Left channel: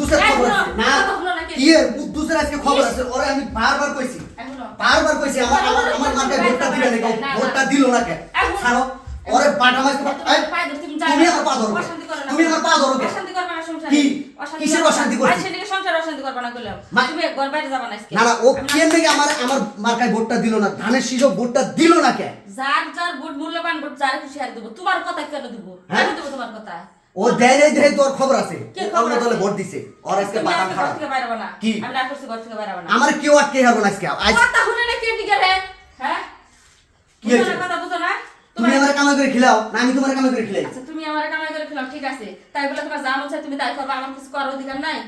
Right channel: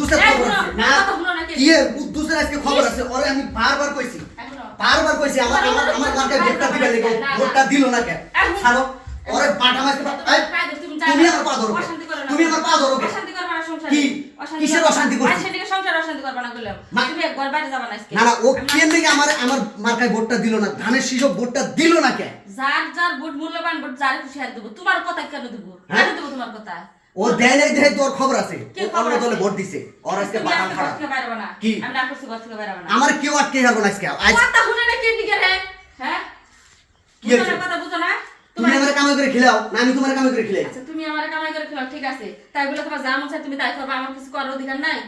কুদ্দুসের খবর আছে না কি এর কুদ্দুসের আজকে খবর আছে ওরে আমি বারবার কইছি আমার মাকে ভোটটা দিবে নাকি ভোটটা দিল না কেন ছাড়ো ওরে পাঠা মাইছে তুমি আমার পা ধরো তুমি আমার পা ধরো অশান্তি করবা না সংসারে কি কিসের অশান্তি করছিস অশান্তি সংসার অশান্তি করবা না কইলাম তুমি ঘর বাইরে যাবা না আজকে না না ও কেন নাকি আমার মার্কায় ভোটটা দিল না ধানের শীষ ভোটটা দিল না কেন যার ভোট মূল্যবান ভোট যারে খুশি আর দেব তোমার কথা কেন দেব কেন দেব তোমার কথা ও দেয় নাই দেয় তোর খবর আছে অন্য দলে ভোট দিছে ওর আজকে বাটা খারাপ কি আমি না করছি ঘর থেকে বাইরে না আমার কেউ আটকে হারবো না আজকে আজ কথা শুনে না কে দিকে রে হ্যাঁ কি হচ্ছে কথা বুঝো না তুমি আমারে কামাই করে খিলাও না আমি তোমারে কামাই করে খিলাই আচ্ছা তুমি আমারে কামাই করে খিলাও ঠিক আছে তাই বলে তোমার যা মন চায় তুমি তাই করবে আমার কিছু করার অধিকার নাই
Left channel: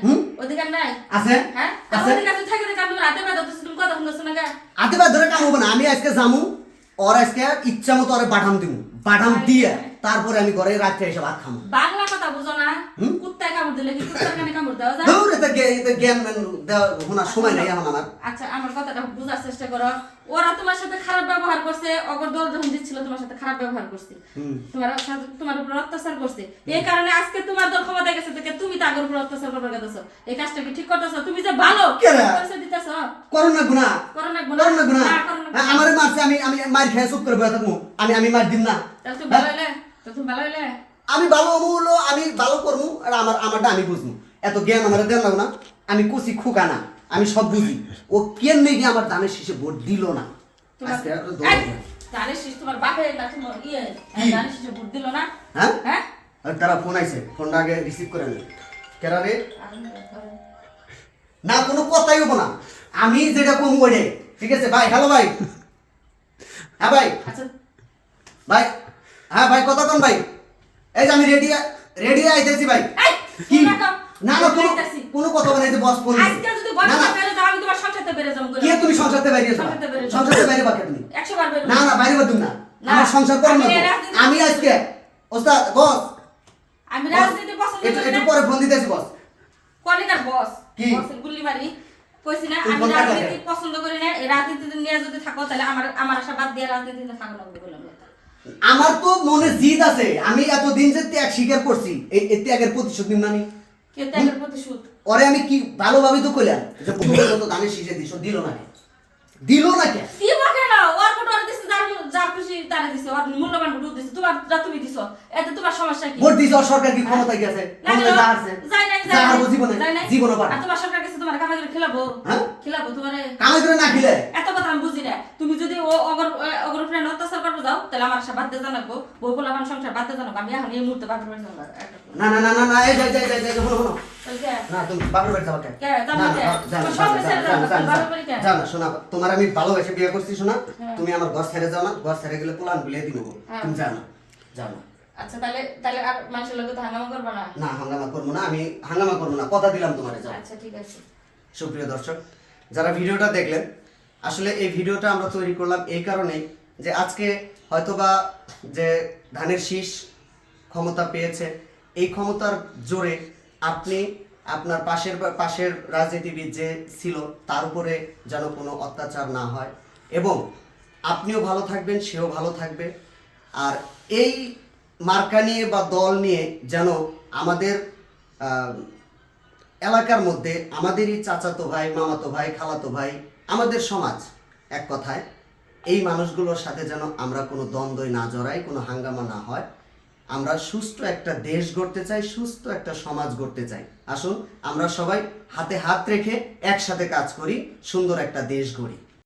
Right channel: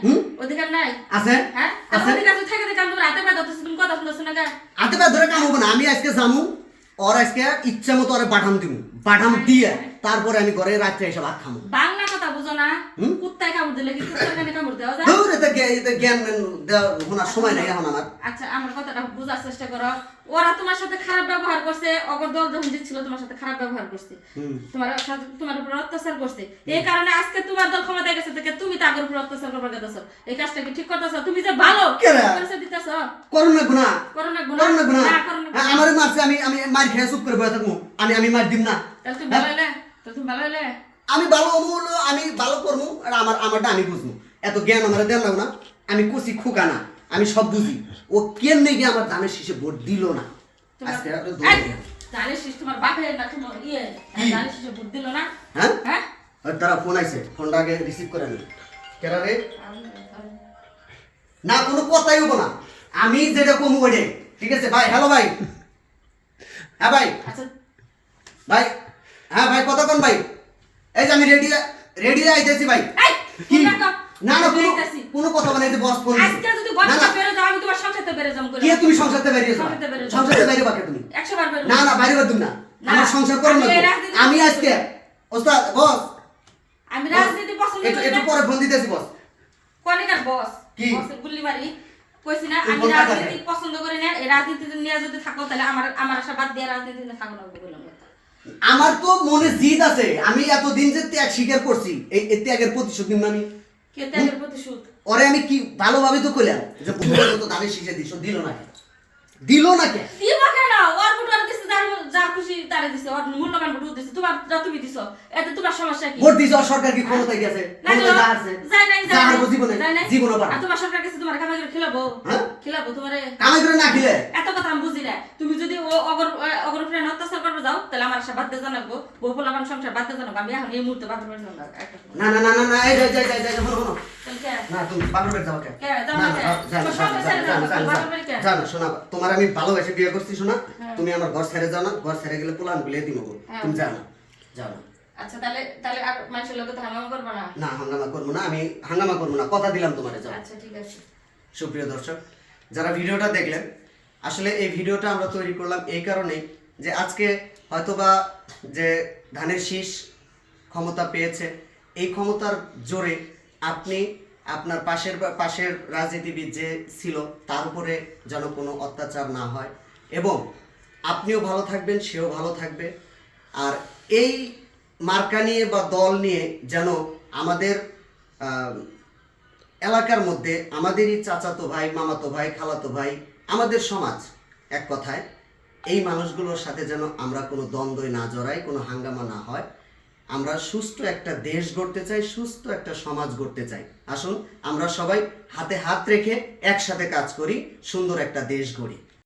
অধিকার নাই আছে হ্যাঁ আছে অধিকার আছে থাকে কাম তোমার হাতে পা ধরতেছ তুমি কথা শুনছো না গা হাতে পা ধরে কাম হবে না আমি আজকে জামু ওর আজকে ইচ্ছা মতো ওরে পাঠাম দিমু পাঠাম দিয়ে তারপরে আমি ঘরে রাত্রে এসে ভাত খামু বাংলা কথা বুঝো না কুত্তায় কামড় দিলে কি কুত্তার কানে কামড় দেওয়া যায় দৌড় এটা জ্ঞান হোনার সময় নাই এখন আমার আচ্ছা আমার কথাটা বোঝার চেষ্টা করো ওরা তোমার সাথে খারাপ ব্যবহার করছে অগর দল যখন দিচ্ছিল তোমার সাথে খারাপ ব্যবহার করছে তোমার উপর অত্যাচার করছে এই কারণে আজকে তোমার দল ক্ষমতায় গেছে থেকে তুমি তাগর উপর অত্যাচার করবার গেছো এই কাজটা কি ঠিক করতেছো তুমি যে ভালো করছে দিতেছো করো না গুনাহ করো না গুনাহ আমারে মারছে আমি মার খেয়ে চুপ করে বসে থাকবো আমি মার দিম না তাহলে তুমি ভালো হইলে আমি ভালো হলো আমি ভালো করবো আর আমারটা আমি বুঝবো এত জ্ঞান আমার দেন লাগো না আমি কুচি খুকা না আমি সব বুঝি ও কেন নেই আমার ধানের শীষে ভোট দিল না আজকে ধানের শীষ তোমার বাপের না তোমার ধানের শীষে ভোট দিল না হ্যাঁ হ্যাঁ তারা ফোন আইছে ফোনটা আগে রিসিভ করে নে কেরা রে না কোনো কথাই হবো না আমি যেটা কমু ওইটাই ঠিক আছে ভাই হ্যালো ভাই হ্যাঁ ভাই আচ্ছা ভাই হ্যাঁ ভাই কথা কোন ভাই এই যে আমি রেডি আইতেছি ভাই কি না না কোনো কথা বলে যে বস ফোন আজকে যদি বস বেরে যাও আমি তোমার সংসারতে বেরে যাম কি তুমি সংসারতে বাইরেছো সংসারতে বাইরে বাকে তুমি 100 বার বেরে না না বাইরে বাদ না আমার সংসার করব না আমি আজকে ওস্তাদ বস আমি রাজনীতি পছন্দ করি না একটু পরে ফোন দিতেছি বস কোনিকার বস বসের গুল্লি মারি কইছি না আমি রাজনীতি পছন্দ করি না এই রাজনীতি নিয়ে যদি থাকো তাহলে আমার আশা বাদ দিয়ে রাজনীতিতে থাকো না বললাম আমার তো মনে জিদ আছে আমি এতদিন যে ত্যাগ স্বীকার করছি এই ত্যাগের প্রতিশোধ নিব না আমি কে ত্যাগের প্রতিশোধ ওরে আমি কি ভালোভাবে তো কইলাম যে পুরো তো ধানের শীষে দিল না কে দিল না কে দিবা কেন ওর ভোট ওর দিছে যার খুশি তারে দিছে ওর মূল্যবান ভোট দিছে তোমার তুমি দিছো এতে তোমার সমস্যা কি ভোট দিছো সরকার কি ক্ষমতায় গেছে ক্ষমতায় যা আছে যা আর জীবনে পারে আর তোমার সরকার কাছে তোমার কামাই করে খেলাবো খেলাবো তোমারে কামাই করে না খেলে এত কথা আমি বুঝি না তুমি যদি ও অগর উপরে অত্যাচার করবে যাও তাহলে আমার আশা বাদ দিয়ে জানাবো বউ পোলাপান সংসার বাদ দিয়ে জানাবো আমি এখন এই মুহূর্তে বাপের বাড়ি যাবো না না না না না এই যাই শোনো না তুমি বাপের বাড়ি যাবা কেন না শোনা তোমার আমি ভালোবেসে বিয়ে করছি শোনা তুমি আমার ঘর ছেড়ে যাও না ঘর ছেড়ে গেলে প্লান বিলে দিব তুমি যাও না আচ্ছা তাহলে আর মানুষের লোকে তো হাঙ্গামা করবে না না হাঙ্গামা করবো না আমি হাঙ্গামা করবো না কথা দিলাম তোমারে যাও আচ্ছা ঠিক আছে সুপ্রিয় দর্শক যারা ভিডিওটা দেখলেন আসলে এই ভিডিওটা আমরা তৈরি করলাম এই কারণেই যে আজকে হয়তোবা যে ধানের শীষ ক্ষমতা পেয়েছে এই ক্ষমতার জোরে আপনি আপনার পাশের রাজনীতিবিদ যে ছিল তার উপরে যেন কোনো অত্যাচার না হয় এবং আপনিও ভালো থাকবেন সেও ভালো থাকবে আর এই মার্কা নিয়ে বা দল নিয়ে যেন আমাদের এলাকার মধ্যে আমাদেরই চাচাতো ভাই মামাতো ভাই খালাতো ভাই আমাদের সমাজ এক কথায় এই মানুষগুলোর সাথে যেন আমরা কোনো দ্বন্দ্বই না জড়াই কোনো হাঙ্গামা না হয় আমরা সুস্থ একটা দেশ গড়তে চাই সুস্থ একটা সমাজ গড়তে চাই আসুন আমরা সবাই হাতে হাত রেখে একসাথে কাজ করি সুন্দর একটা দেশ গড়ি